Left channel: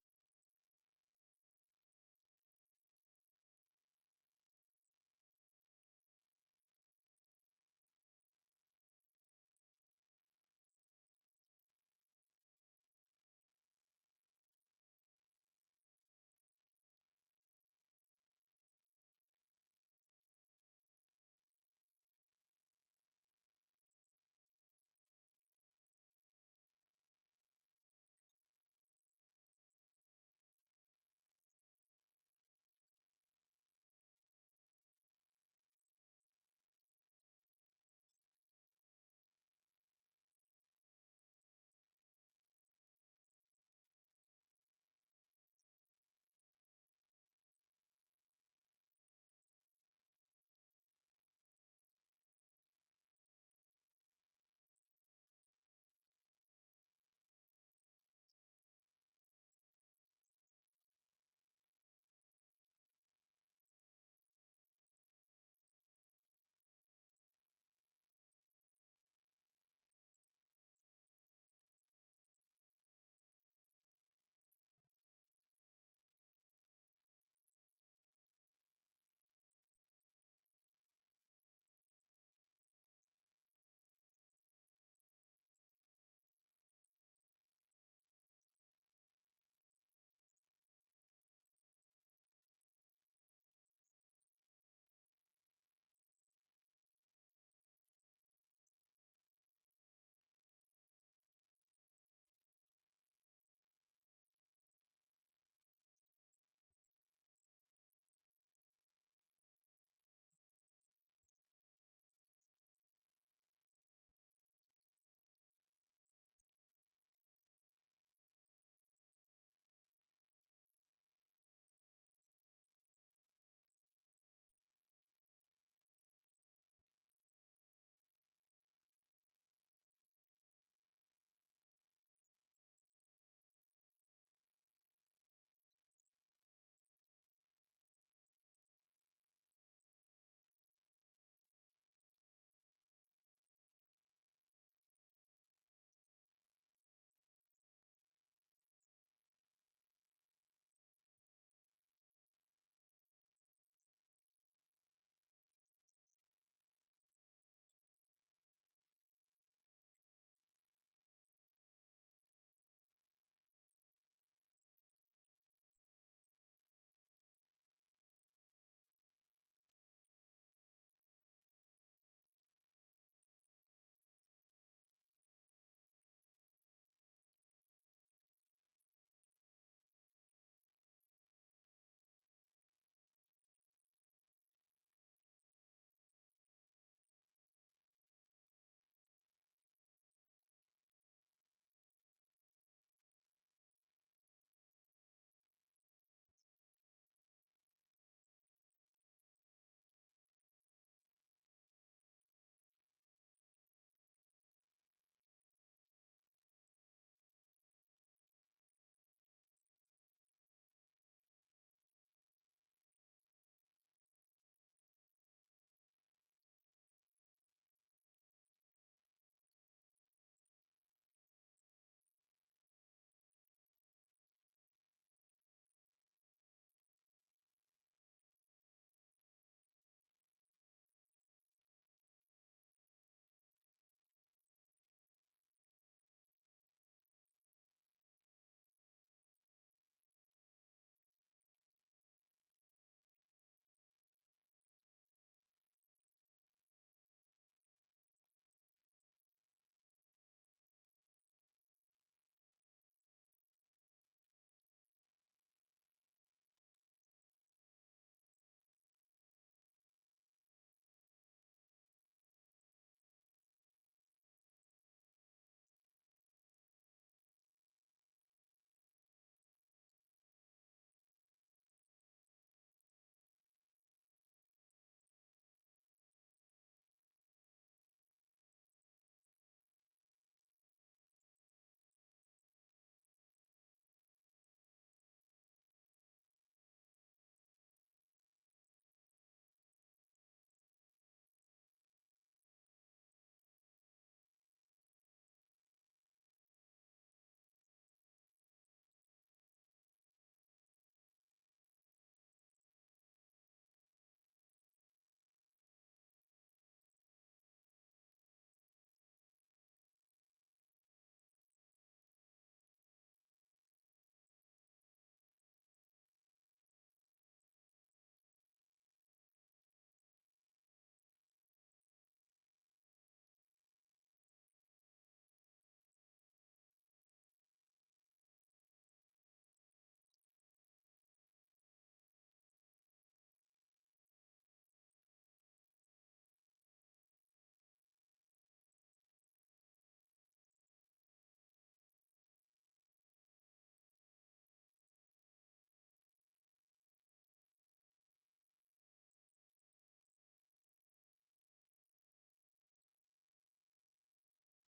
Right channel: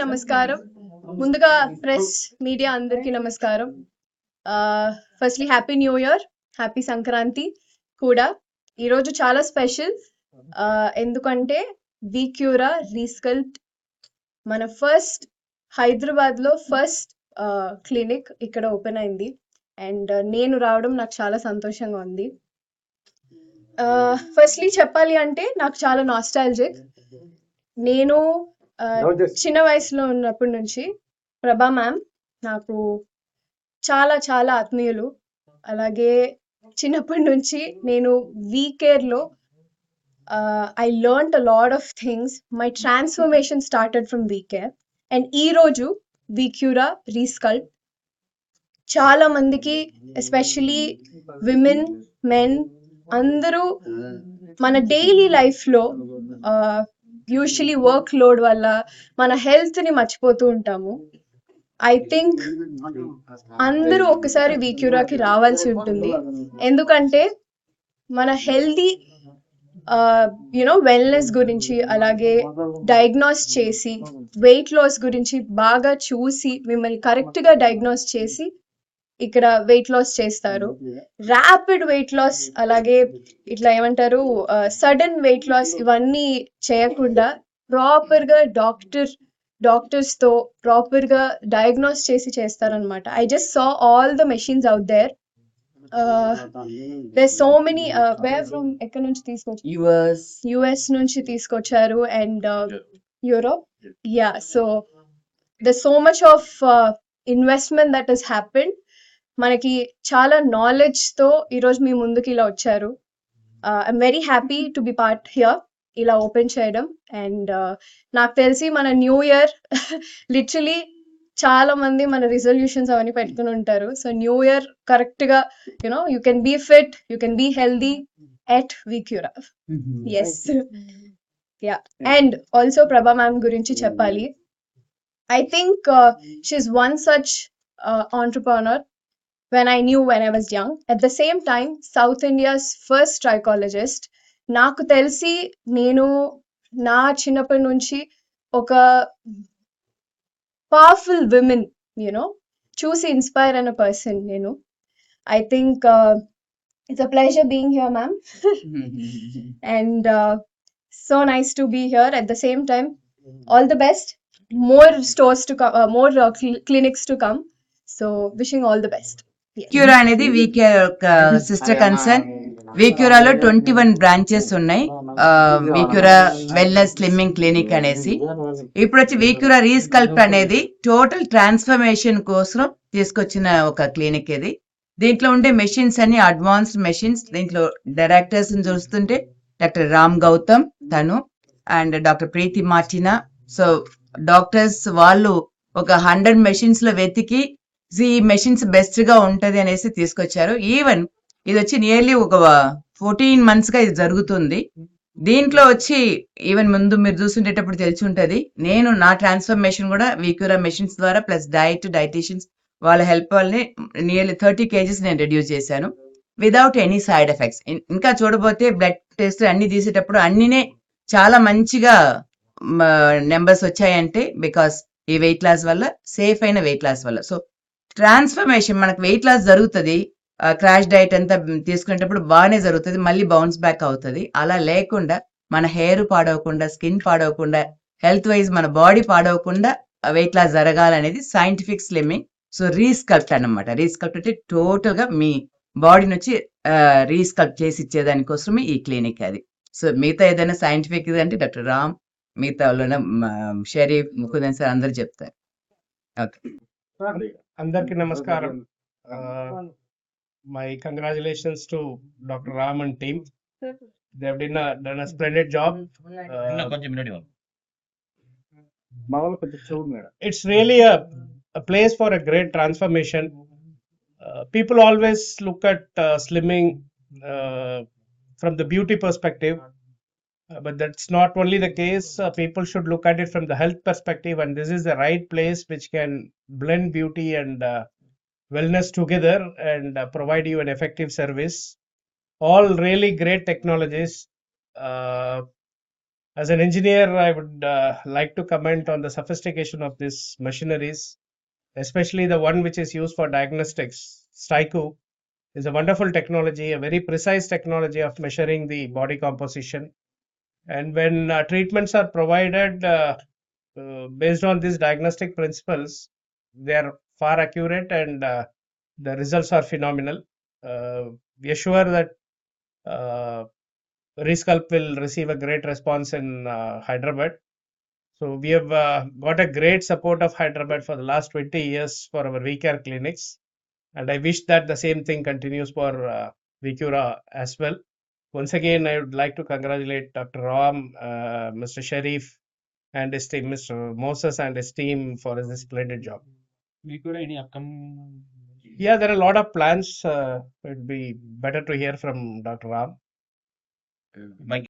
నమస్కారం. ముందుగా press media అందరికీ నమస్కారం. Firstly happy new year happy Sankranti కూడా. ఈరోజు చాలా స్పెషల్. ఎందుకంటే వీక్యూరా రీస్కల్ట్ మన ఫస్ట్ హైదరాబాద్లో ఫస్ట్ క్లినిక్ ఇక్కడ ఓపెన్ అయింది. అండ్ నేను రావడం నాకు చాలా సంతోషంగా ఉంది. ఫస్ట్లీ చెప్పాలి అంటే నాకు చాలా నాస్టాలజిక్. నేను చిన్న వయసులో ఉన్నప్పటి నుంచి ప్రభా మ్యామ్ నాకు చాలా చాలా ఆత్మీయులు. అలాగే చిన్నప్పటి నుంచి నేను వీకేర్లో I learn a lot of things my transformation started from VCare and ఈరోజు వీక్యూరా రీస్కల్ట్ చాలా మందికి ఎస్పెషలీ విమెన్ మెన్ అందరూ మన డైలీ లైఫ్లో యూజువలీ వర్క్ లోడ్ వల్ల మన హెల్త్ని మర్చిపోతూ ఉంటాము. ఐ థింక్ అందరూ ఒకసారి వీక్యూరాకి రావాల్సి ఉంటుంది. ఎందుకంటే మన హెల్దీ యునో వెల్నెస్ గురించి అలాగే డయాగ్నోస్ చేసి వెయిట్ లాస్ గురించి బాగా చూసి మిమ్మల్ని కరెక్ట్గా డయాగ్నోస్ చేసి ఇక్కడ వెయిట్ లాస్ చేస్తారు. ర్యాపిడ్ వెయిట్ లాస్ అలాగే ఇట్లా ఏమంటారు సడన్ వెయిట్ లాస్ ఇవన్నీ చేయకుండా ప్రాపర్గా డాక్టర్ డాక్టర్స్తో ప్రాపర్గా డయాగ్నోస్ చేసి చేస్తారనమాట I just saw all the machines out there there so many where from ఎక్కడ నుంచి తీసుకొచ్చి యువర్స్ యుఎస్ నుంచి తీసుకొచ్చారు and Europe yeah so the so much of investment that has happened మనకి చాలా నాలెడ్జ్తో ఈరోజు మీ ముందుకి ఇలా వచ్చారు. I'm very happy to be part here ఇలా ఓపెన్ చేయడం. అండ్ నాకు తెలిసి మన న్యూ ఇయర్ లిటరలీ చాలా మంది మన రిజల్యూషన్స్ అవన్నీ పెట్టుకుని ఉంటారు. సో న్యూ ఇయర్ కరెక్ట్గా you know you can be fit you can be healthy at వీక్యూరా yes yeah and also Prabha ma'am గురించి చెప్పాలి. I think she's one such entrepreneur when I knew when I was young at the same time south India's first trichologist నాకు తెలిసి నేను నా చిన్నప్పటి నుంచి ఒక powerful women you know చూసి ఇన్స్పైర్ అయిన పర్సన్ నేను I think it's a pleasure being here ma'am and uh, so nice to be here at the same time all the best more stores to come uh, more uh, cl- clinics to come so wishing all the best వీక్యూరా అనేది యొక్క sister concern వీక్యూరాలో twenty one branches ఉన్నాయి. వీక్యూరా wellness slimming clinic అనేసి. ఇప్పుడు వచ్చి వీక్యూరా రీస్కల్ప్ అనేది టోటల్ ట్రాన్స్ఫర్మేషన్ కోసం తీసుకొచ్చిన ఒక క్లినిక్ ఇది. దీంట్లో ఉండే మెషిన్స్ అన్ని అడ్వాన్స్డ్ మెషిన్స్ దీంట్లో డైరెక్టర్స్ చూస్తుంటే డాక్టర్ రామ్ గౌతమ్ తను and doctor Preethi Martina. So doctors వాళ్ళు ఒక హండ్రెడ్ మెషిన్స్లో వెతికి ఈ మెషిన్స్ బెస్ట్గా ఉంటది అనేసి తీసుకొచ్చారు. ఈవెన్ ఇది వచ్చి నియర్లీ ఒక ఫోర్టీన్ మంత్స్గా ఇది జరుగుతుంది. దీంట్లో వచ్చి ఈవెన్ ముందు మీరు చూసుండేటప్పుడు తెలిసి ఉంటది. నేను నా ట్రాన్స్ఫర్మేషన్ కూడా వీక్యూరా మెషిన్స్ ద్వారా ప్లస్ డైట్ డైటీషియన్స్ వాళ్ళ హెల్ప్ వల్లనే నియర్లీ థర్టీ కేజీస్ నేను రెడ్యూస్ చేశాను. విదౌట్ ఎనీ సైడ్ ఎఫెక్ట్స్ ఇంకా చూడబోతే బ్లడ్ టెస్ట్ అన్ని తీసేటప్పుడు అన్నినే చాలా మంచిగా నెంబర్స్ వచ్చాయంటే బికాస్ ఈ వెయిట్ లాస్ వల్ల సేఫ్ అయిన వెయిట్ లాస్ వల్ల. సో ట్రాన్స్ఫర్మేషన్ మనకు వెయిట్ లాస్ జరుగుతుంది. క్రాష్ డైట్ అంతా తీసుకునేటప్పుడు బాగానే జరుగుతుంది. మళ్ళీ బౌన్స్ బ్యాక్ అవుతుంది. అలా లేకుండా మన హెయిర్ పాడవకుండా స్కిన్ పాడవకుండా హెల్త్ వైజ్ మన బాడీ పాడవకుండా వెయిట్ లాస్ జరగాలనేది సైంటిఫిక్ స్లిమ్మింగ్. సో రీస్కల్ప్ట్ అన్నమాట. రీస్కల్ప్ట్ అంటే టోటల్గా మీ బాడీని వచ్చి రీస్కల్ప్ట్ చేసి ఇచ్చేదానికోసమే ఈ క్లినిక్ అది. సో మిగతా ఏదైనా సైంటిఫిక్ అంటే డాక్టర్ రామ్ మిగతా వాళ్ళ షరీఫ్ ముకుందన్ సార్ అందరు చెప్తారు. ఓకే. అందరికి నమస్కారం my congratulations to doctor Ram and team they done done a splendid job కొంచెం మినిట్ ఇవ్వండి it's really a, a place for a great transformation. Uh, people always look at uh, slimming uh, from the beauty perspective, uh, but that's not only the case. Uh, people should look at it from the health perspective, and this is the right place which can blend beauty and uh, wellness together and uh, provide you an effective service. All really great technologies. Uh, as an engineer, I would uh, like to comment on the sophistication of these machineries, especially the one which is used for diagnostics. Styco is a wonderful technology, a very precise technology of measuring the body composition. And when uh, treatments are provided uh, uh, based on these diagnostic principles, they are far accurate and uh, the results are phenomenal. Uh, we are sure that uh, Resculpt will receive a great response in uh, Hyderabad. So we have uh, got a great support of Hyderabad for the last 20 years for our VCare clinics. And I wish that the same thing continues for uh, Vicura as well. Once again, I would like to congratulate Dr. Ram, uh, Mr. Sharif, and his team, Mr. Moses and his team for his splendid job. Any upcoming? Yeah, there are a lot of plans. Uh, it'd be better to hear from Dr. Ram. Uh, my